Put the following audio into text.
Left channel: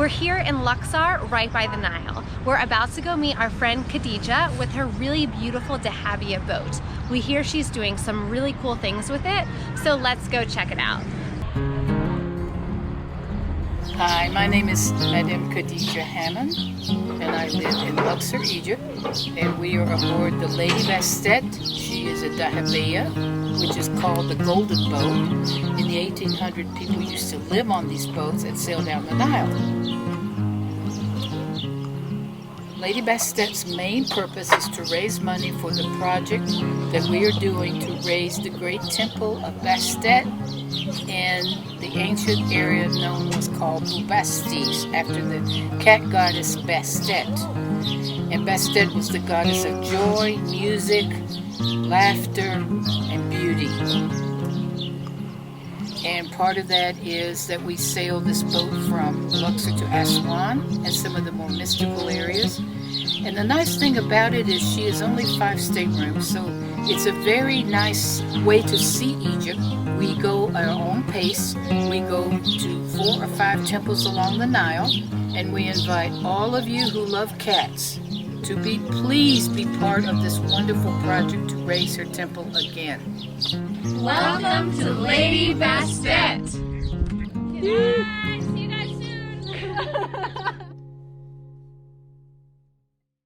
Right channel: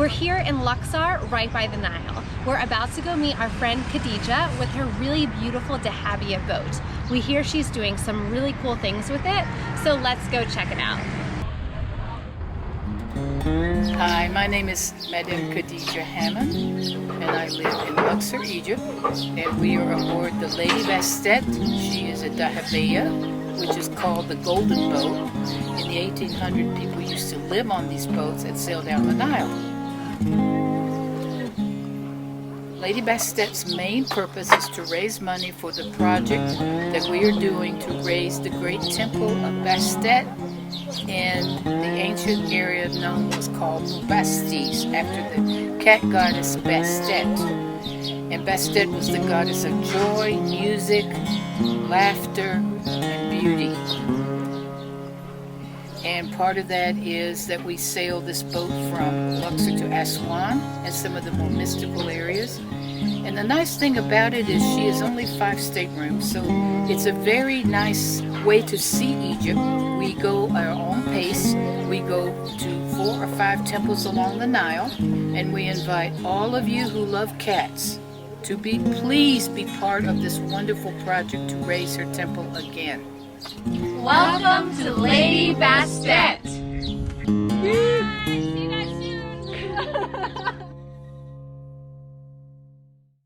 We're here in Luxor, right by the Nile. We're about to go meet our friend Khadija with her really beautiful Dahabiya boat. We hear she's doing some really cool things with it, so let's go check it out. Hi, my name is Madame Khadija Hammond, and I live in Luxor, Egypt, and we are aboard the Lady Bastet. She is a Dahabiya, which is called the Golden Boat. In the 1800s, people used to live on these boats that sail down the Nile. Lady Bastet's main purpose is to raise money for the project that we are doing to raise the great temple of Bastet in the ancient area known was called Bubastis, after the cat goddess Bastet. And Bastet was the goddess of joy, music, laughter, and beauty. And part of that is that we sail this boat from Luxor to Aswan and some of the more mystical areas. And the nice thing about it is she has only 5 staterooms, so it's a very nice way to see Egypt. We go at our own pace. We go to 4 or 5 temples along the Nile, and we invite all of you who love cats to please be part of this wonderful project to raise her temple again. Welcome to Lady Bastet!